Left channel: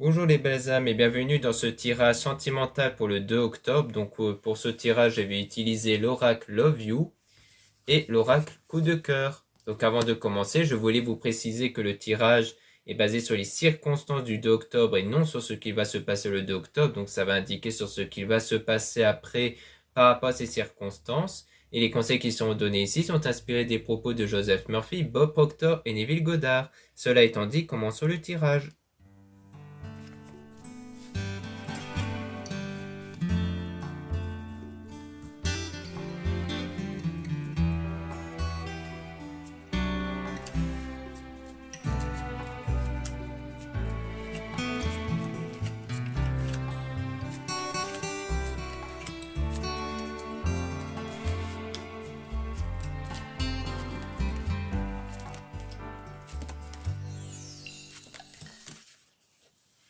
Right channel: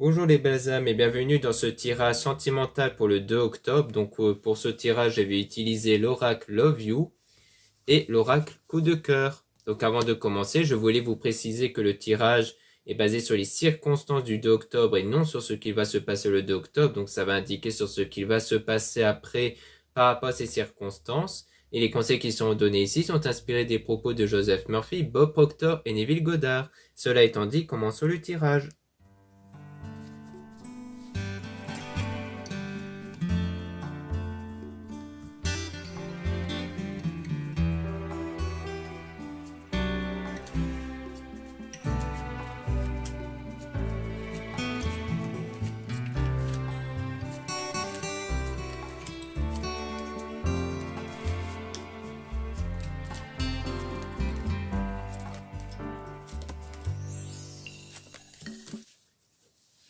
Bonjour les belles âmes et bienvenue dans ce tirage sentimental pour le 2 octobre. Pour ce tirage, je vais utiliser l'oracle Love You et l'oracle Coup de cœur. Donc avant de commencer, je voulais vous préciser que le tirage est basé sur les circonstances du 2 octobre et non sur ce qu'il va se passer le 2 octobre. Donc ça va indiquer sur ce qu'il va se passer après par rapport à ces circonstances. Et les conseils qui sont donnés ici sont inspirés des propos de Joseph Murphy, Bob Proctor et Neville Goddard. Cela étant dit, commençons le tirage.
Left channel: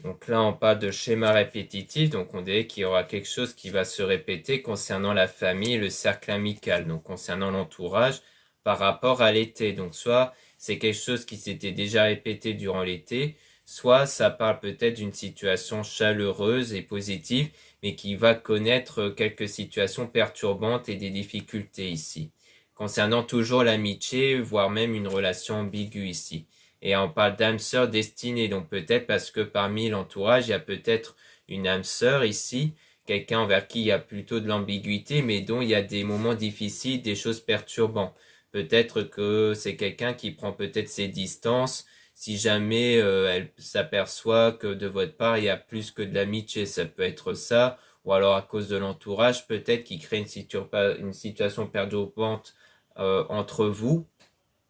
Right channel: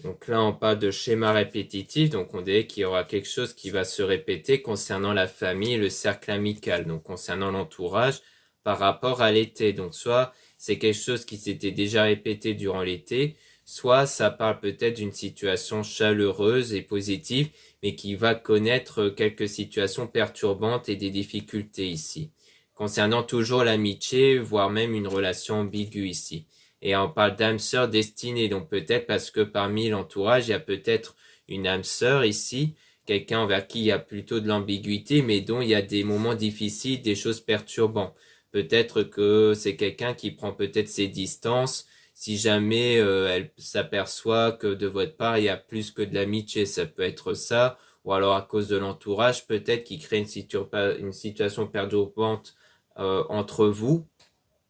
Donc là, on parle de schéma répétitif, donc on dirait qu'il y aura quelque chose qui va se répéter concernant la famille et le cercle amical, donc concernant l'entourage par rapport à l'été. Donc soit c'est quelque chose qui s'était déjà répété durant l'été, soit ça parle peut-être d'une situation chaleureuse et positive, mais qui va connaître quelques situations perturbantes et des difficultés ici. Concernant toujours l'amitié, voire même une relation ambiguë ici. Et on parle d'âme sœur destinée, donc peut-être parce que parmi l'entourage, il y a peut-être une âme sœur ici, quelqu'un envers qui il y a plutôt de l'ambiguïté, mais dont il y a des moments difficiles, des choses perturbantes. Peut-être que c'est quelqu'un qui prend peut-être ses distances, si jamais elle s'aperçoit que de votre part, il y a plus que de l'amitié, ça peut être ça, ou alors à cause de l'entourage, peut-être qui crée une situation perturbante entre vous.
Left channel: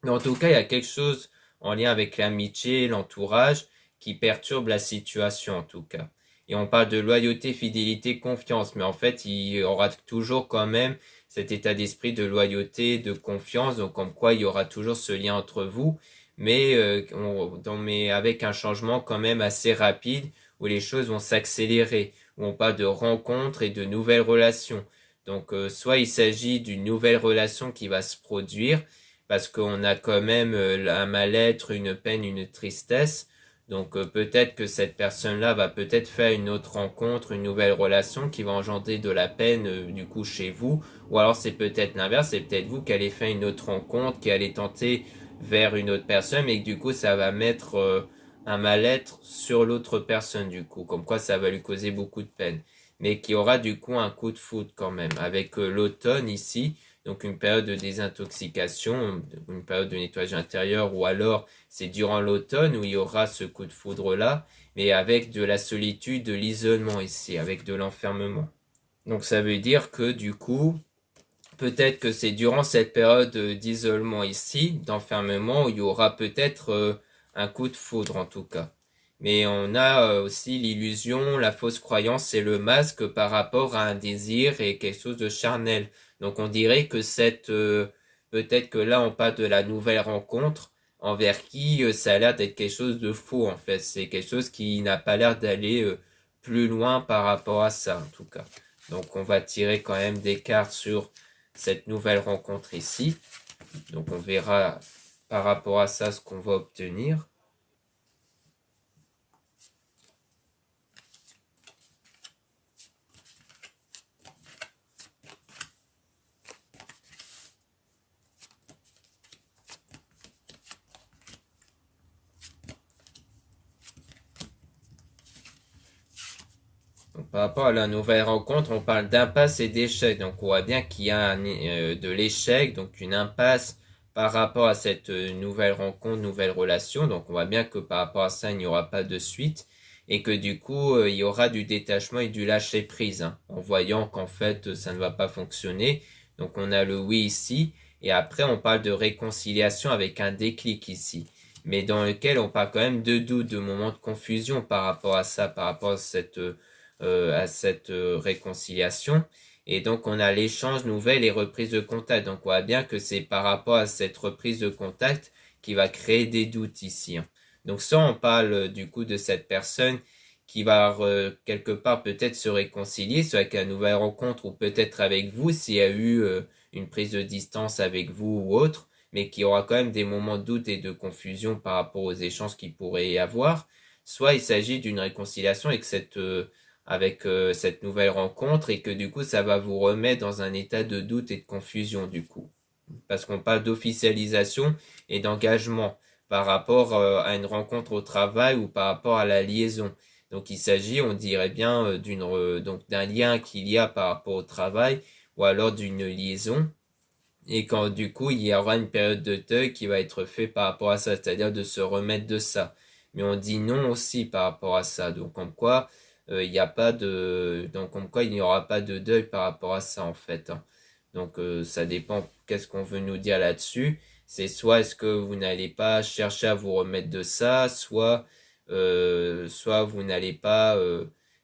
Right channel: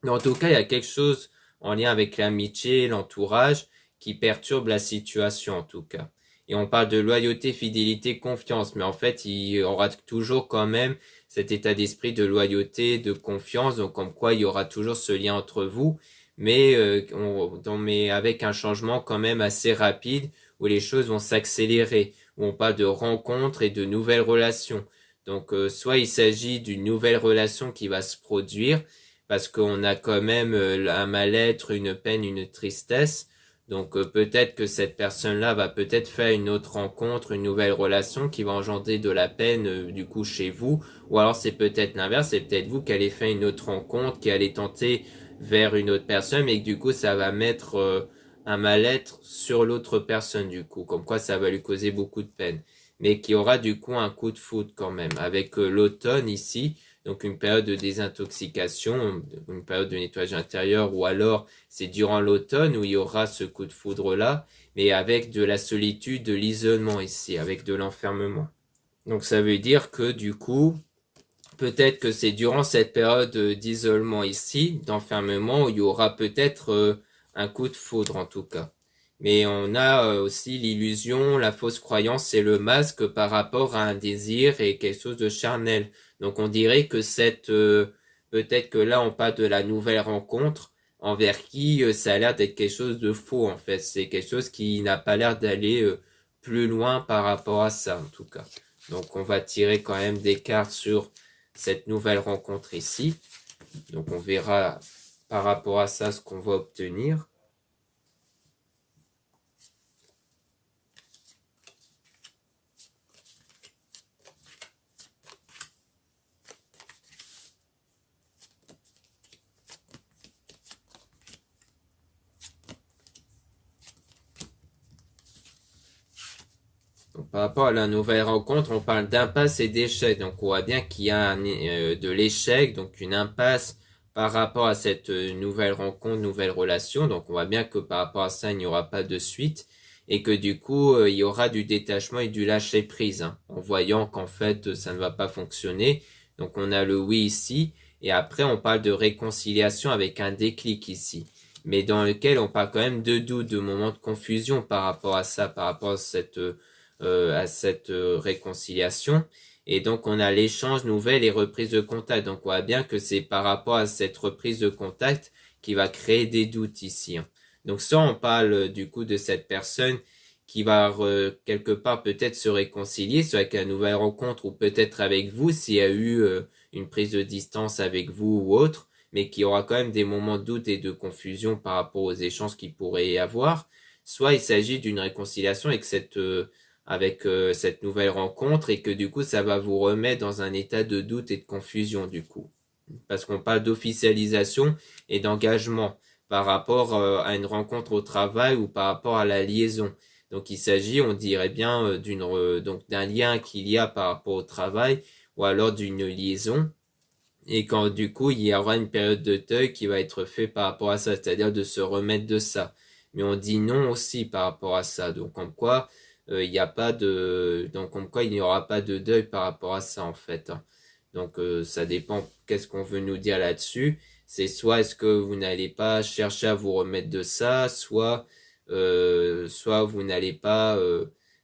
Mais en tout cas, il y a quelque chose en lien avec l'amitié, l'entourage, qui perturbe la situation en tout cas. Et on parle de loyauté, fidélité, confiance, mais en fait, il y aura toujours quand même cet état d'esprit de loyauté, de confiance, donc comme quoi il y aura toujours ce lien entre vous, mais avec un changement quand même assez rapide, où les choses vont s'accélérer, où on parle de rencontres et de nouvelles relations. Soit il s'agit d'une nouvelle relation qui va se produire, parce qu'on a quand même un mal-être, une peine, une tristesse. Peut-être que cette personne-là va peut-être faire une autre rencontre, une nouvelle relation qui va engendrer de la peine du coup chez vous. Ou alors c'est peut-être l'inverse, c'est peut-être vous qui allez faire une autre rencontre, qui allez tenter vers une autre personne, mais que du coup ça va mettre un mal-être sur l'autre personne du coup, comme quoi ça va lui causer beaucoup de peine. Mais qui aura du coup un coup de foudre quand même, avec l'automne ici, donc une période de désintoxication, une période de nettoyage intérieur, ou alors c'est durant l'automne où il y aura ce coup de foudre-là, mais avec de la solitude, de l'isolement ici, avec de l'enfermement. Donc ça veut dire que du coup, peut-être que c'est durant cette période d'isolement ici, d'enfermement, où il y aura peut-être un coup de foudre en tout cas. Mais on a aussi l'illusion, la fausse croyance et le masque par rapport à un désir et quelque chose de charnel. Donc on dirait que peut-être que là on parle de la nouvelle rencontre envers qui ça a l'air d'être quelque chose de faux en fait. C'est quelque chose qui n'a pas l'air d'aller plus loin par rapport à ça en tout cas. Donc on va tirer quand même des cartes sur cette nouvelle rencontre ici. Donc on verra par rapport à ça ce qu'on va obtenir. Donc, par rapport à la nouvelle rencontre, on parle d'impasse et d'échec. Donc on voit bien qu'il y a de l'échec, donc une impasse par rapport à cette nouvelle rencontre, nouvelle relation. Donc on voit bien que par rapport à ça, il n'y aura pas de suite et que du coup, il y aura du détachement et du lâcher prise, hein, en voyant qu'en fait, ça ne va pas fonctionner. Donc on a le oui ici et après on parle de réconciliation avec un déclic ici, mais dans lequel on parle quand même de doute, de moments de confusion par rapport à ça, par rapport à cette réconciliation. Et donc, on a l'échange nouvelle et reprise de contact. Donc, on voit bien que c'est par rapport à cette reprise de contact qui va créer des doutes ici, hein. Donc, ça, on parle du coup de cette personne qui va quelque part peut-être se réconcilier, soit avec une nouvelle rencontre ou peut-être avec vous s'il y a eu une prise de distance avec vous ou autre, mais qui aura quand même des moments de doute et de confusion par rapport aux échanges qu'il pourrait y avoir. soit il s'agit d'une réconciliation avec cette nouvelle rencontre et que du coup ça va vous remettre dans un état de doute et de confusion du coup. Parce qu'on parle d'officialisation et d'engagement par rapport à une rencontre au travail ou par rapport à la liaison. Donc il s'agit, on dirait bien, donc d'un lien qu'il y a par rapport au travail ou alors d'une liaison. Et quand du coup il y aura une période de deuil qui va être faite par rapport à ça, c'est-à-dire de se remettre de ça. Mais on dit non aussi par rapport à ça. Donc comme quoi il n'y a pas de, donc comme quoi il n'y aura pas de deuil par rapport à ça en fait, hein. Donc ça dépend qu'est-ce qu'on veut nous dire là-dessus. C'est soit est-ce que vous n'allez pas chercher à vous remettre de ça, soit vous n'allez pas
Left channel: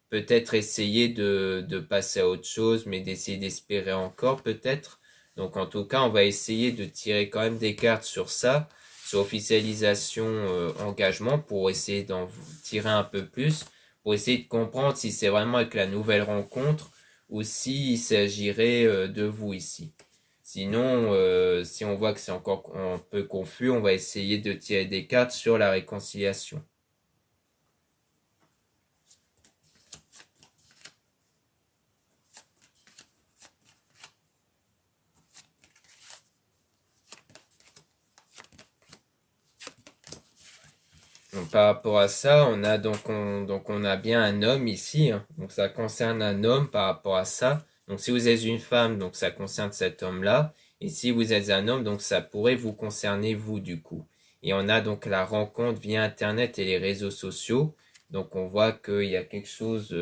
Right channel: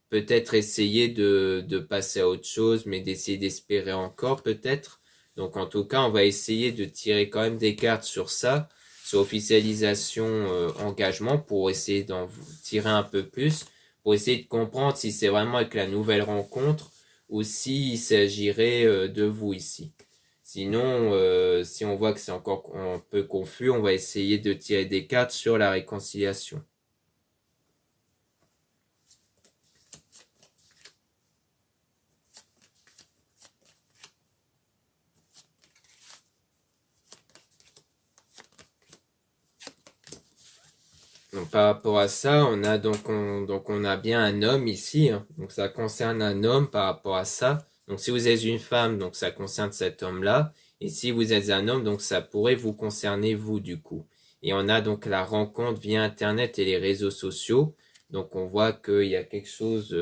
peut-être essayer de passer à autre chose, mais d'essayer d'espérer encore peut-être. Donc en tout cas, on va essayer de tirer quand même des cartes sur ça, sur officialisation, engagement, pour essayer d'en tirer un peu plus, pour essayer de comprendre si c'est vraiment avec la nouvelle rencontre ou s'il s'agirait de vous ici. Sinon, si on voit que c'est encore un peu confus, on va essayer de tirer des cartes sur la réconciliation. Donc, par rapport à ça, on a bien un homme ici, hein. Donc ça concerne un homme par rapport à ça. Donc si vous êtes une femme, donc ça concerne cet homme-là. Et si vous êtes un homme, donc ça pourrait vous concerner vous du coup. Et on a donc la rencontre via Internet et les réseaux sociaux. Donc on voit qu'il y a quelque chose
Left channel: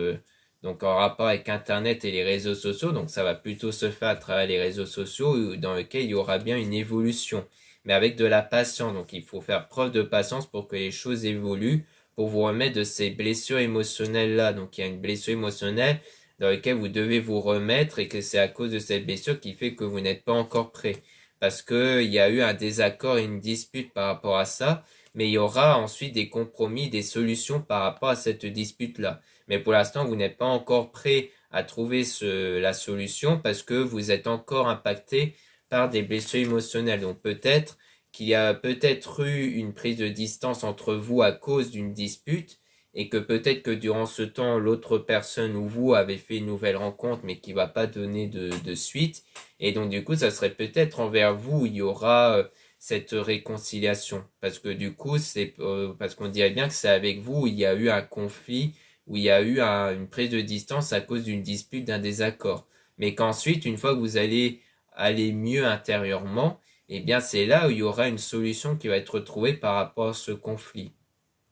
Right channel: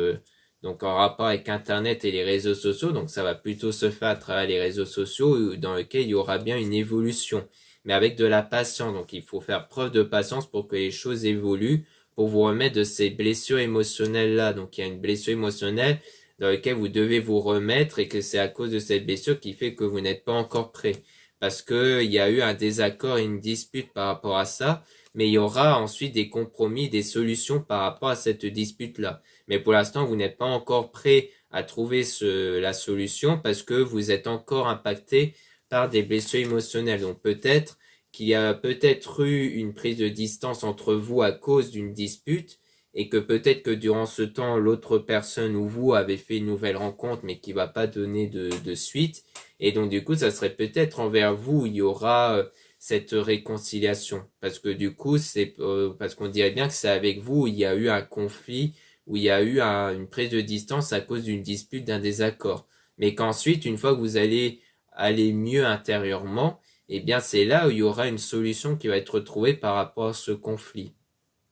donc en rapport avec Internet et les réseaux sociaux. Donc ça va plutôt se faire à travers les réseaux sociaux dans lequel il y aura bien une évolution, mais avec de la patience. Donc il faut faire preuve de patience pour que les choses évoluent, pour vous remettre de ces blessures émotionnelles-là. Donc il y a une blessure émotionnelle dans laquelle vous devez vous remettre et que c'est à cause de cette blessure qui fait que vous n'êtes pas encore prêt. Parce que il y a eu un désaccord et une dispute par rapport à ça, mais il y aura ensuite des compromis, des solutions par rapport à cette dispute-là. Mais pour l'instant, vous n'êtes pas encore prêt à trouver la solution parce que vous êtes encore impacté par des blessures émotionnelles. Donc peut-être qu'il y a peut-être eu une prise de distance entre vous à cause d'une dispute et que peut-être que durant ce temps, l'autre personne ou vous avez fait une nouvelle rencontre mais qui va pas donner de suite. Et donc du coup, ça serait peut-être envers vous où il y aura cette réconciliation. Parce que du coup, c'est parce qu'on dirait bien que c'est avec vous où il y a eu un conflit, où il y a eu une prise de distance à cause d'une dispute, d'un désaccord. Mais qu'ensuite, une fois que vous allez aller mieux intérieurement, eh bien c'est là où il y aura une solution qui va être trouvée par rapport à ce conflit.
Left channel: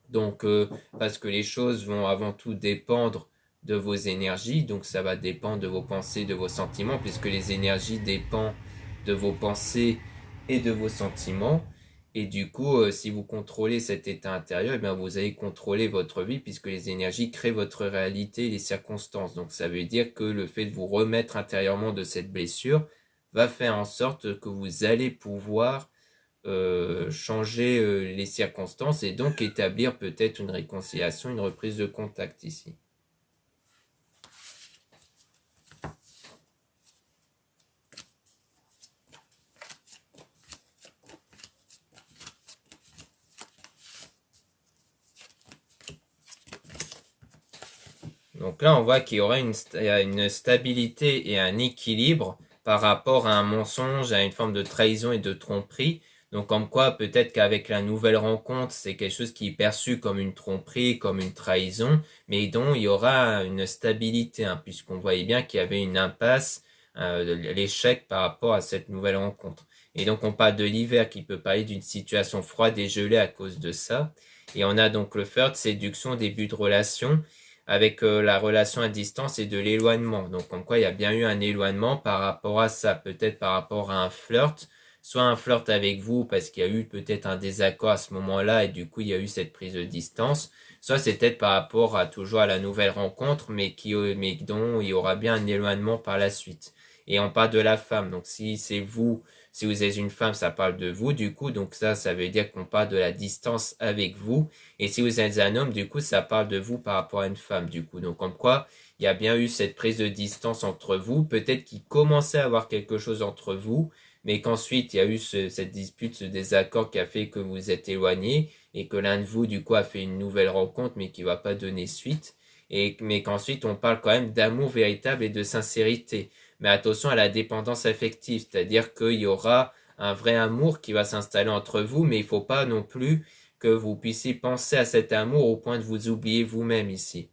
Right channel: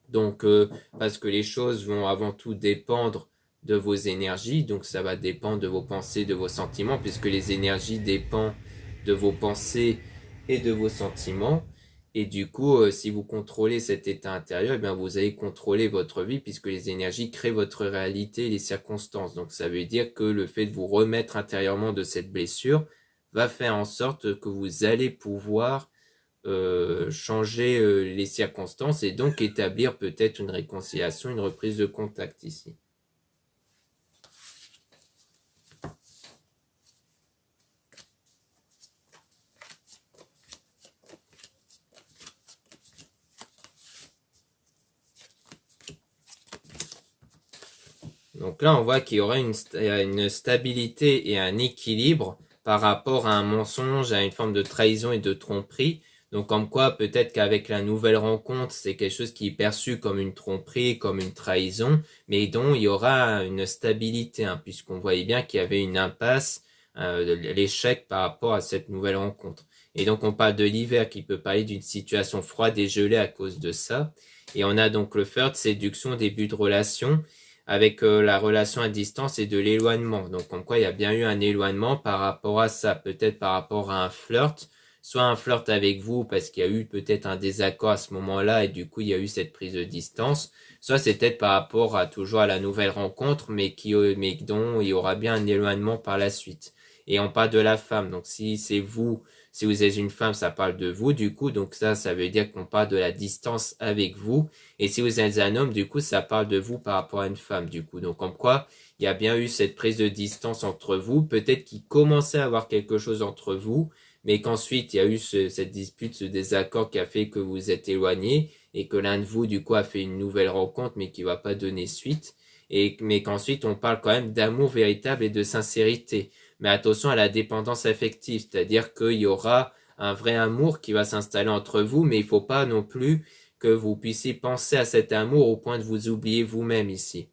Donc, parce que les choses vont avant tout dépendre de vos énergies, donc ça va dépendre de vos pensées, de vos sentiments, puisque les énergies dépendent de vos pensées et de vos sentiments. Et du coup, si vous contrôlez cet état intérieur, eh bien vous allez contrôler votre vie, puisque les énergies créent votre réalité et les circonstances. Donc ça veut dire que le fait de vous remettre intérieurement de cette blessure va faire en sorte que vous allez pouvoir changer les circonstances et donc établir peut-être une réconciliation, une reprise de contact ici. Donc là, on voit qu'il y aura une stabilité et un équilibre par rapport à un mensonge, à une forme de trahison et de tromperie. Donc comme quoi, peut-être qu'avec la nouvelle rencontre, c'est quelque chose qui est perçu comme une tromperie, comme une trahison, mais dont il y aura une stabilité, hein, puisqu'on voyait bien qu'il y avait une impasse, l'échec par rapport à cette nouvelle rencontre. Et donc on parle de l'hiver qui peut parler d'une situation froide et gelée à cause de ça. Et on a donc le flirt, séduction, début de relation, avec la relation à distance et de l'éloignement. Donc, comme quoi il y a bien eu un éloignement par rapport à ça, peut-être par rapport à un flirt, soit un flirt avec vous parce qu'il y a eu peut-être un désaccord à ce moment-là et du coup il y a eu cette prise de distance, soit c'est peut-être par rapport à toujours à la nouvelle rencontre, mais dont il y aura bien un éloignement par la suite. Et on parle de la femme, donc si c'est vous, si vous êtes une femme, ça parle de vous du coup, donc ça veut dire qu'on parle de la distance avec vous. Et si vous êtes un homme, du coup, ça parle de vous par rapport à une femme, du coup. Donc, comme quoi, il y a bien eu cette prise de distance entre vous. Peut-être qu'il commençait à avoir quelque chose entre vous, mais qu'ensuite il y a eu cette dispute, ce désaccord qui a fait que vous êtes éloignés et que l'un de vous du coup a fait une nouvelle rencontre mais qui va pas donner suite, mais qu'ensuite on parle quand même d'amour véritable et de sincérité. Mais attention à la dépendance affective, c'est-à-dire qu'il y aura un vrai amour qui va s'installer entre vous, mais il faut pas non plus que vous puissiez penser à cet amour au point de vous oublier vous-même ici.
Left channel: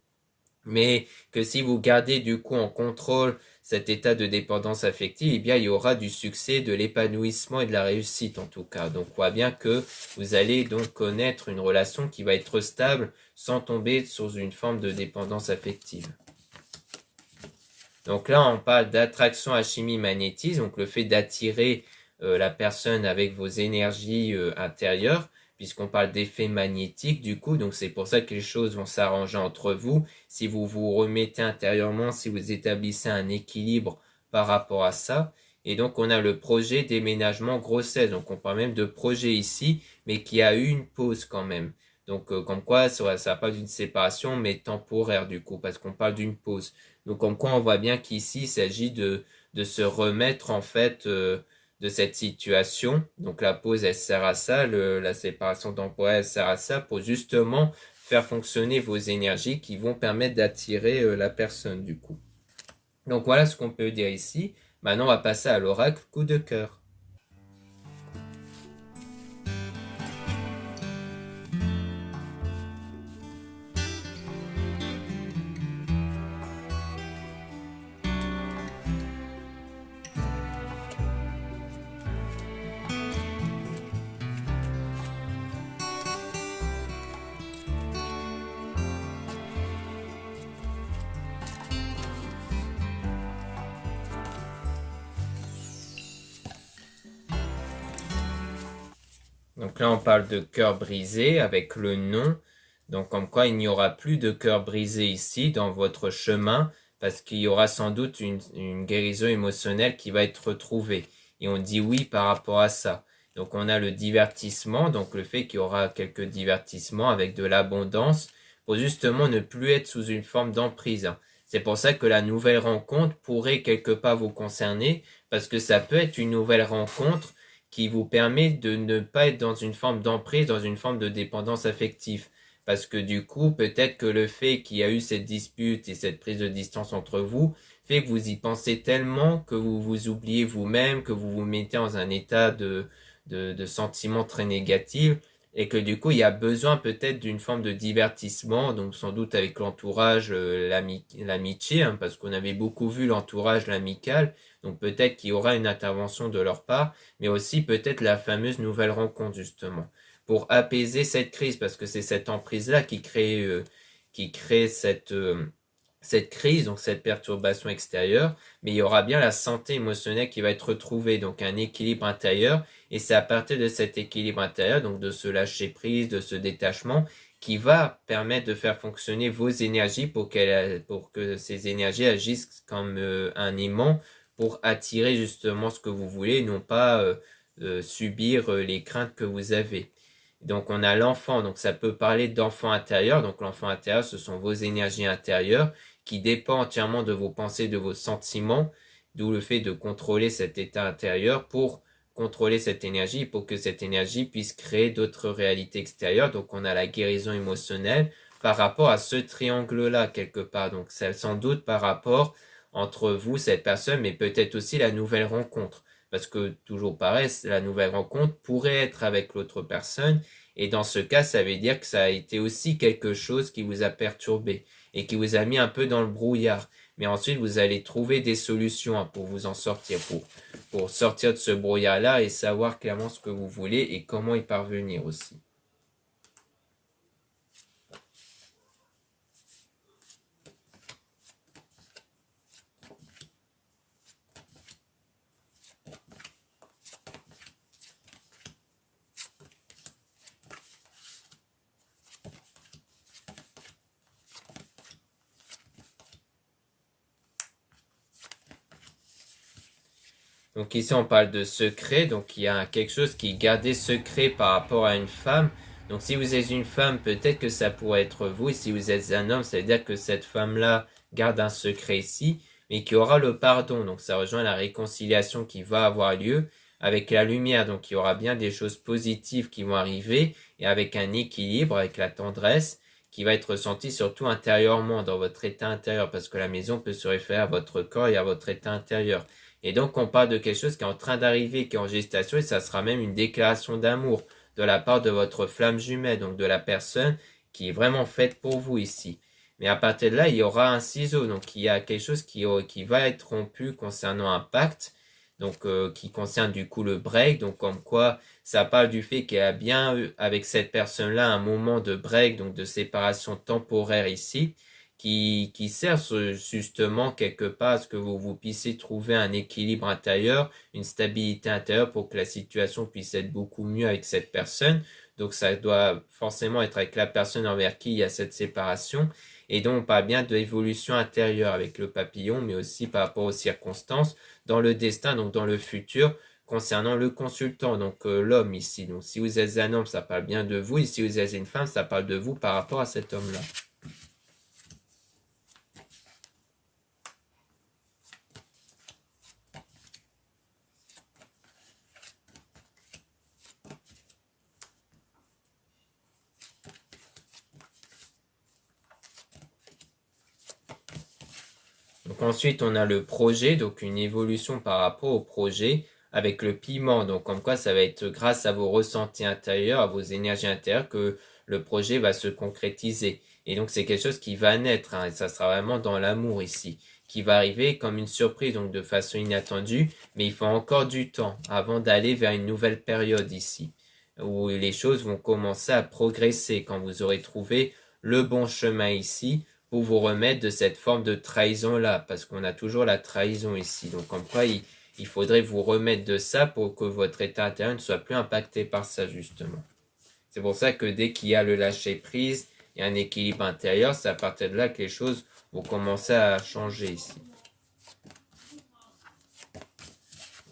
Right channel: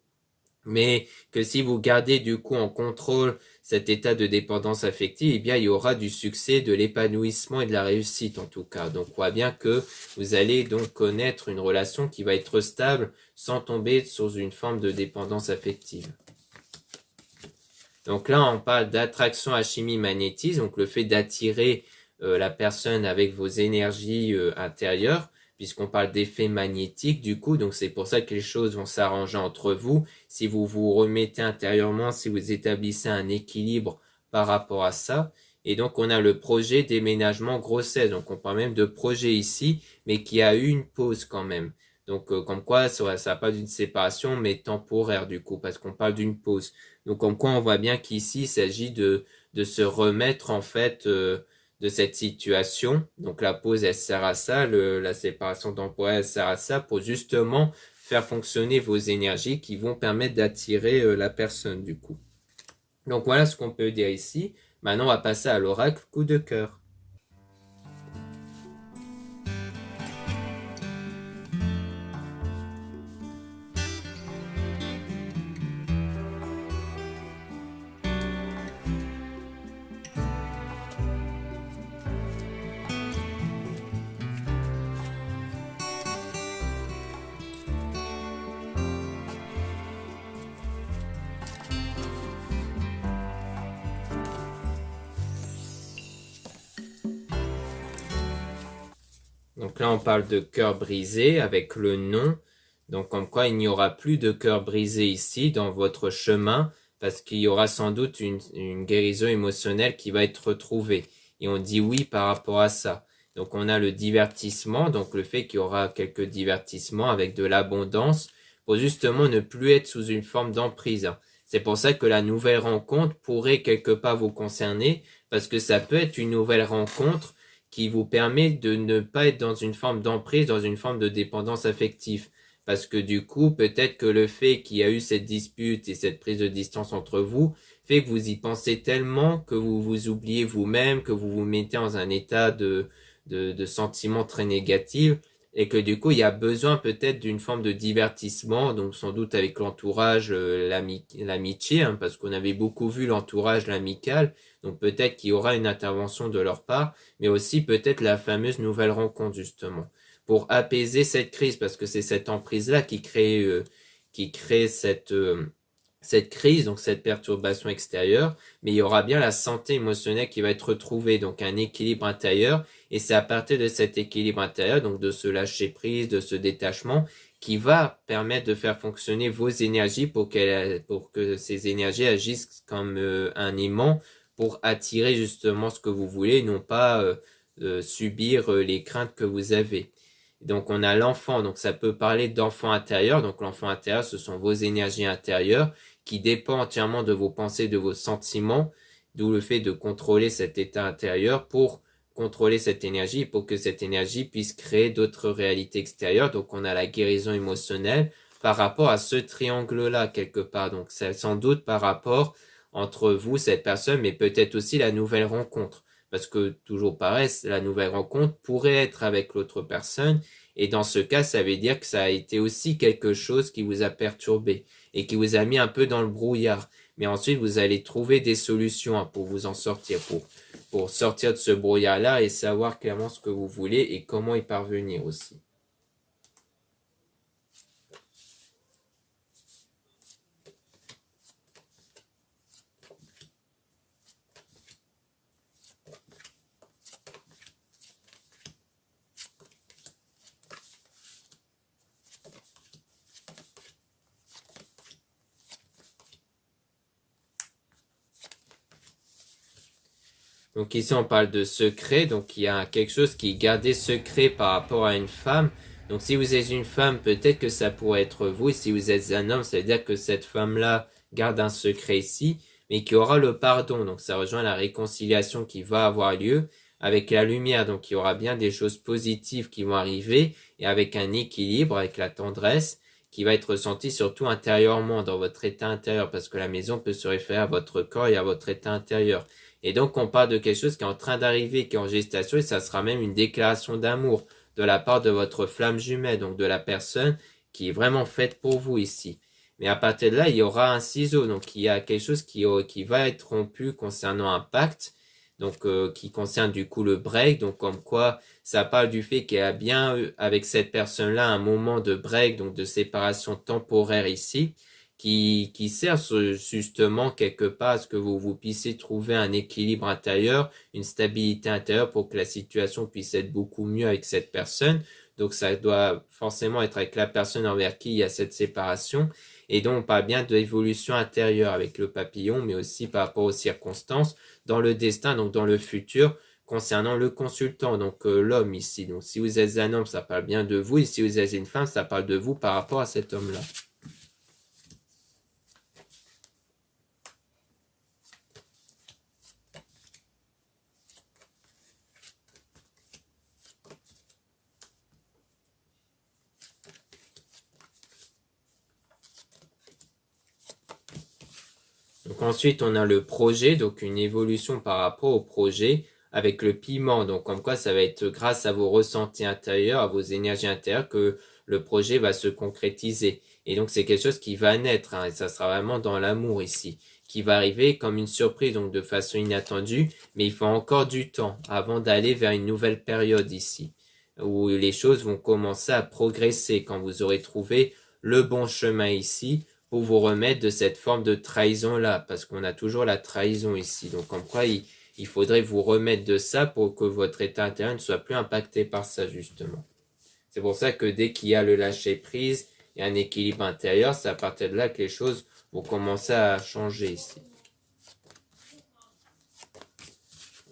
Mais que si vous gardez du coup en contrôle cet état de dépendance affective, eh bien il y aura du succès, de l'épanouissement et de la réussite en tout cas. Donc on voit bien que vous allez donc connaître une relation qui va être stable sans tomber sous une forme de dépendance affective. Donc là on parle d'attraction à chimie magnétisme, donc le fait d'attirer la personne avec vos énergies intérieures, puisqu'on parle d'effet magnétique du coup, donc c'est pour ça que les choses vont s'arranger entre vous. Si vous vous remettez intérieurement, si vous établissez un équilibre par rapport à ça. Et donc on a le projet déménagement grossesse, donc on parle même de projet ici, mais qui a eu une pause quand même. Donc comme quoi ça n'a pas d'une séparation, mais temporaire du coup, parce qu'on parle d'une pause. Donc comme quoi on voit bien qu'ici il s'agit de se remettre en fait de cette situation. Donc la pause, elle sert à ça, la séparation temporaire, elle sert à ça pour justement faire fonctionner vos énergies qui vont permettre d'attirer la personne du coup. Donc voilà ce qu'on peut dire ici. Maintenant, on va passer à l'oracle coup de cœur. Donc là, on parle de cœur brisé avec le nom. Donc comme quoi, il n'y aura plus de cœur brisé ici dans votre chemin parce qu'il y aura sans doute une guérison émotionnelle qui va être retrouvée. Et on dit oui par rapport à ça. Donc on a le divertissement, donc le fait qu'il y aura quelques divertissements avec de l'abondance pour justement ne plus être sous une forme d'emprise. C'est pour ça que la nouvelle rencontre pourrait quelque part vous concerner parce que ça peut être une nouvelle rencontre qui vous permet de ne pas être dans une forme d'emprise, dans une forme de dépendance affective. Parce que du coup, peut-être que le fait qu'il y a eu cette dispute et cette prise de distance entre vous fait que vous y pensez tellement que vous vous oubliez vous-même, que vous vous mettez dans un état de sentiment très négatif et que du coup, il y a besoin peut-être d'une forme de divertissement, donc sans doute avec l'entourage, l'amitié, hein, parce qu'on avait beaucoup vu l'entourage, l'amical, donc peut-être qu'il y aura une intervention de leur part, mais aussi peut-être la fameuse nouvelle rencontre justement, pour apaiser cette crise, parce que c'est cette emprise-là qui crée cette crise, donc cette perturbation extérieure, mais il y aura bien la santé émotionnelle qui va être retrouvée, donc un équilibre intérieur, et c'est à partir de cet équilibre intérieur, donc de ce lâcher prise, de ce détachement, qui va permettre de faire fonctionner vos énergies pour que ces énergies agissent comme un aimant pour attirer justement ce que vous voulez, non pas subir les craintes que vous avez. Donc on a l'enfant, donc ça peut parler d'enfant intérieur, donc l'enfant intérieur ce sont vos énergies intérieures qui dépendent entièrement de vos pensées, de vos sentiments, d'où le fait de contrôler cet état intérieur pour contrôler cette énergie, pour que cette énergie puisse créer d'autres réalités extérieures. Donc on a la guérison émotionnelle par rapport à ce triangle-là quelque part. Donc c'est sans doute par rapport entre vous, cette personne, mais peut-être aussi la nouvelle rencontre. Parce que, toujours pareil, la nouvelle rencontre pourrait être avec l'autre personne. Et dans ce cas, ça veut dire que ça a été aussi quelque chose qui vous a perturbé et qui vous a mis un peu dans le brouillard. Mais ensuite, vous allez trouver des solutions pour vous en sortir, pour sortir de ce brouillard-là et savoir clairement ce que vous voulez et comment y parvenir aussi. Donc ici, on parle de secret. Donc il y a quelque chose qui est gardé secret par rapport à une femme. Donc si vous êtes une femme, peut-être que ça pourrait être vous. Et si vous êtes un homme, ça veut dire que cette femme-là garde un secret ici, mais qui aura le pardon. Donc ça rejoint la réconciliation qui va avoir lieu avec la lumière. Donc il y aura bien des choses positives qui vont arriver et avec un équilibre, avec la tendresse qui va être ressentie surtout intérieurement dans votre état intérieur parce que la maison peut se référer à votre corps et à votre état intérieur. Et donc on parle de quelque chose qui est en train d'arriver, qui est en gestation et ça sera même une déclaration d'amour de la part de votre flamme jumelle, donc de la personne qui est vraiment faite pour vous ici. Mais à partir de là, il y aura un ciseau, donc il y a quelque chose qui va être rompu concernant un pacte, donc qui concerne du coup le break, donc comme quoi ça parle du fait qu'il y a bien eu avec cette personne-là un moment de break, donc de séparation temporaire ici, qui sert justement quelque part à ce que vous puissiez trouver un équilibre intérieur, une stabilité intérieure pour que la situation puisse être beaucoup mieux avec cette personne. Donc ça doit forcément être avec la personne envers qui il y a cette séparation. Et donc, on parle bien de l'évolution intérieure avec le papillon, mais aussi par rapport aux circonstances, dans le destin, donc dans le futur, concernant le consultant, donc l'homme ici. Donc, si vous êtes un homme, ça parle bien de vous, et si vous êtes une femme, ça parle de vous par rapport à cet homme-là. Donc ensuite, on a le projet, donc une évolution par rapport au projet avec le piment. Donc comme quoi, ça va être grâce à vos ressentis intérieurs, à vos énergies intérieures que le projet va se concrétiser. Et donc c'est quelque chose qui va naître, hein, et ça sera vraiment dans l'amour ici, qui va arriver comme une surprise, donc de façon inattendue, mais il faut encore du temps avant d'aller vers une nouvelle période ici, où les choses vont commencer à progresser quand vous aurez trouvé le bon chemin ici pour vous remettre de cette forme de trahison-là, parce qu'on a toujours la trahison ici. Donc, en quoi il faudrait vous remettre de ça pour que votre état intérieur ne soit plus impacté par ça, justement. C'est pour ça que dès qu'il y a le lâcher-prise et un équilibre intérieur, c'est à partir de là que les choses vont commencer à changer ici.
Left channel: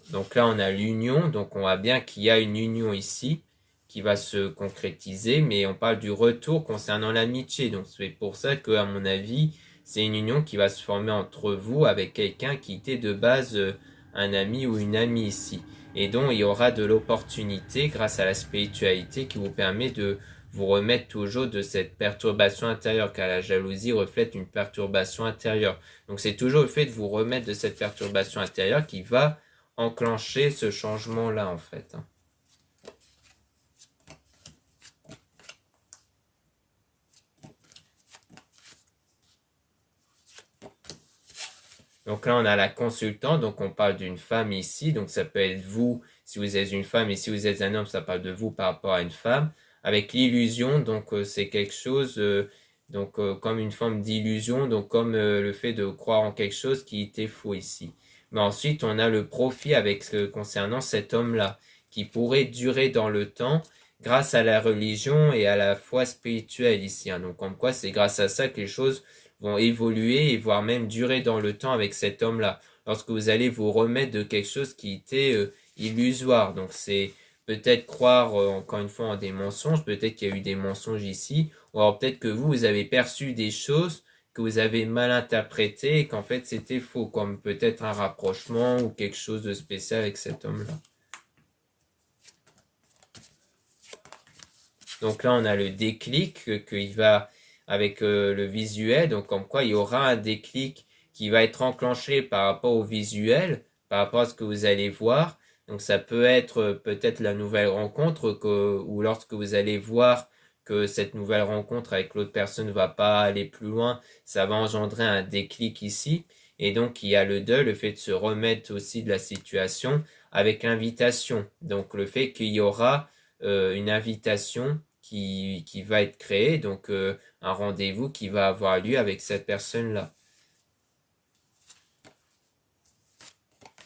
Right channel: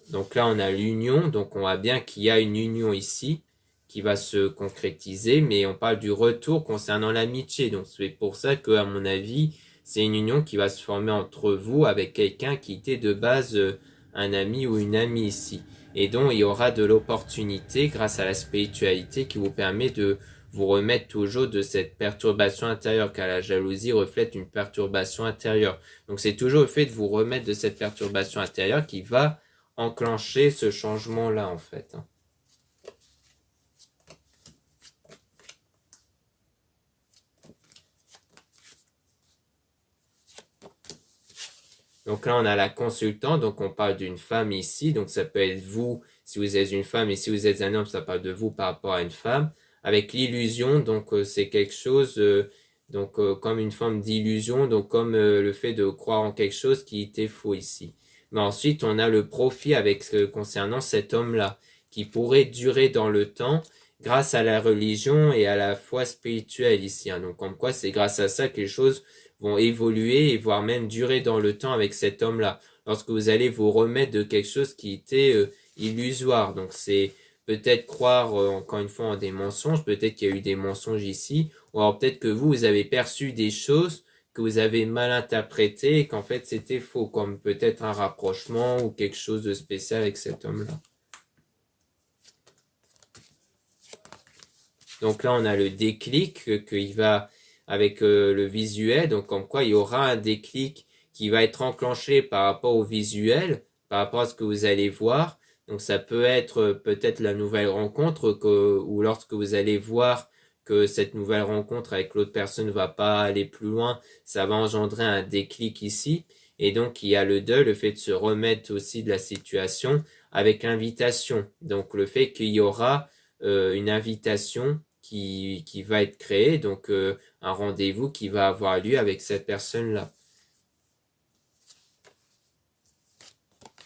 Donc là, on a l'union, donc on voit bien qu'il y a une union ici qui va se concrétiser, mais on parle du retour concernant l'amitié. Donc c'est pour ça que, à mon avis, c'est une union qui va se former entre vous avec quelqu'un qui était de base un ami ou une amie ici. Et donc il y aura de l'opportunité grâce à la spiritualité qui vous permet de vous remettre toujours de cette perturbation intérieure, car la jalousie reflète une perturbation intérieure. Donc c'est toujours le fait de vous remettre de cette perturbation intérieure qui va enclencher ce changement-là en fait. Donc là, on a la consultante, donc on parle d'une femme ici, donc ça peut être vous si vous êtes une femme, et si vous êtes un homme, ça parle de vous par rapport à une femme. Avec l'illusion, donc c'est quelque chose, comme une forme d'illusion, donc comme le fait de croire en quelque chose qui était faux ici. Mais ensuite, on a le profit avec concernant cet homme-là, qui pourrait durer dans le temps grâce à la religion et à la foi spirituelle ici, hein. Donc comme quoi c'est grâce à ça que les choses vont évoluer et voire même durer dans le temps avec cet homme-là. Lorsque vous allez vous remettre de quelque chose qui était illusoire. Donc c'est peut-être croire encore une fois en des mensonges, peut-être qu'il y a eu des mensonges ici, ou alors peut-être que vous avez perçu des choses que vous avez mal interprétées et qu'en fait c'était faux, comme peut-être un rapprochement ou quelque chose de spécial avec cet homme-là. Donc là on a le déclic qu'il va avec le visuel, donc comme quoi il y aura un déclic qui va être enclenché par rapport au visuel, par rapport à ce que vous allez voir. Donc ça peut être peut-être la nouvelle rencontre ou lorsque vous allez voir que cette nouvelle rencontre avec l'autre personne ne va pas aller plus loin, ça va engendrer un déclic ici. Et donc il y a le deuil, le fait de se remettre aussi de la situation avec l'invitation. Donc le fait qu'il y aura une invitation qui va être créée, donc un rendez-vous qui va avoir lieu avec cette personne-là.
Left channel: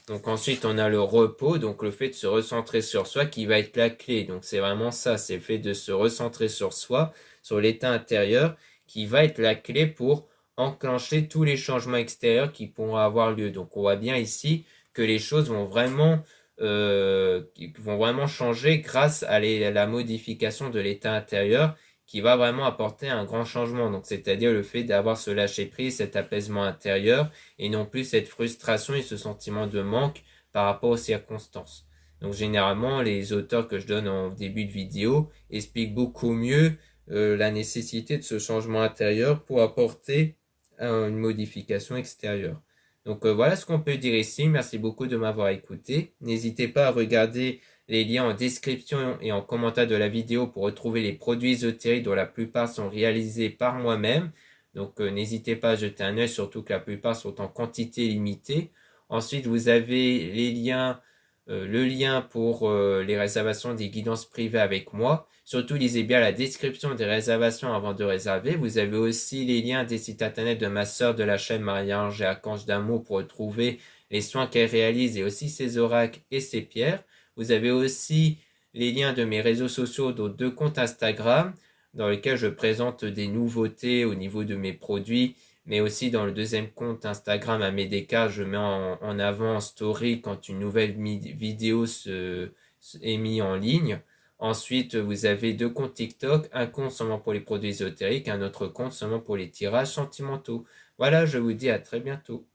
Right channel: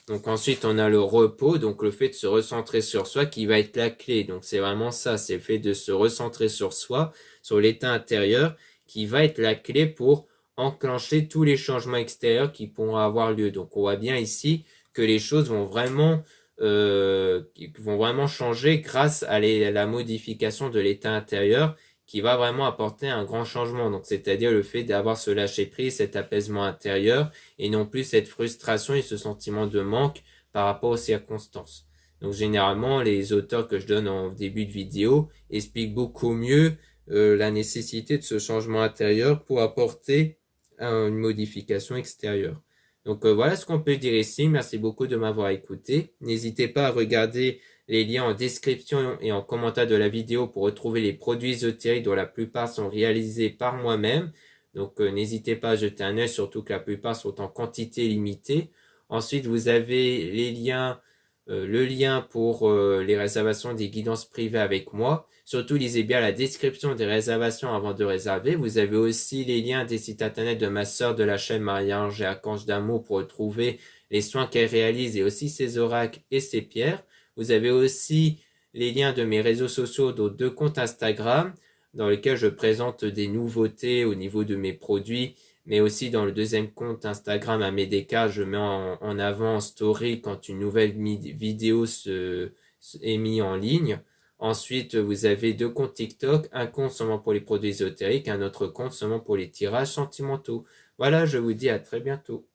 Donc ensuite, on a le repos, donc le fait de se recentrer sur soi qui va être la clé. Donc c'est vraiment ça, c'est le fait de se recentrer sur soi, sur l'état intérieur, qui va être la clé pour enclencher tous les changements extérieurs qui pourront avoir lieu. Donc on voit bien ici que les choses vont vraiment changer grâce à la modification de l'état intérieur qui va vraiment apporter un grand changement. Donc c'est-à-dire le fait d'avoir ce lâcher-prise, cet apaisement intérieur, et non plus cette frustration et ce sentiment de manque par rapport aux circonstances. Donc généralement, les auteurs que je donne en début de vidéo expliquent beaucoup mieux la nécessité de ce changement intérieur pour apporter une modification extérieure. Donc voilà ce qu'on peut dire ici. Merci beaucoup de m'avoir écouté. N'hésitez pas à regarder les liens en description et en commentaire de la vidéo pour retrouver les produits ésotériques dont la plupart sont réalisés par moi-même. Donc n'hésitez pas à jeter un œil, surtout que la plupart sont en quantité limitée. Ensuite, vous avez les liens, le lien pour les réservations des guidances privées avec moi. Surtout, lisez bien la description des réservations avant de réserver. Vous avez aussi les liens des sites internet de ma sœur de la chaîne Marie-Ange et Archange d'Amour pour retrouver les soins qu'elle réalise et aussi ses oracles et ses pierres. Vous avez aussi les liens de mes réseaux sociaux, dont 2 comptes Instagram, dans lesquels je présente des nouveautés au niveau de mes produits, mais aussi dans le deuxième compte Instagram à Medeka, je mets en avant en story quand une nouvelle vidéo est mise en ligne. Ensuite, vous avez 2 comptes TikTok, un compte seulement pour les produits ésotériques, un autre compte seulement pour les tirages sentimentaux. Voilà, je vous dis à très bientôt.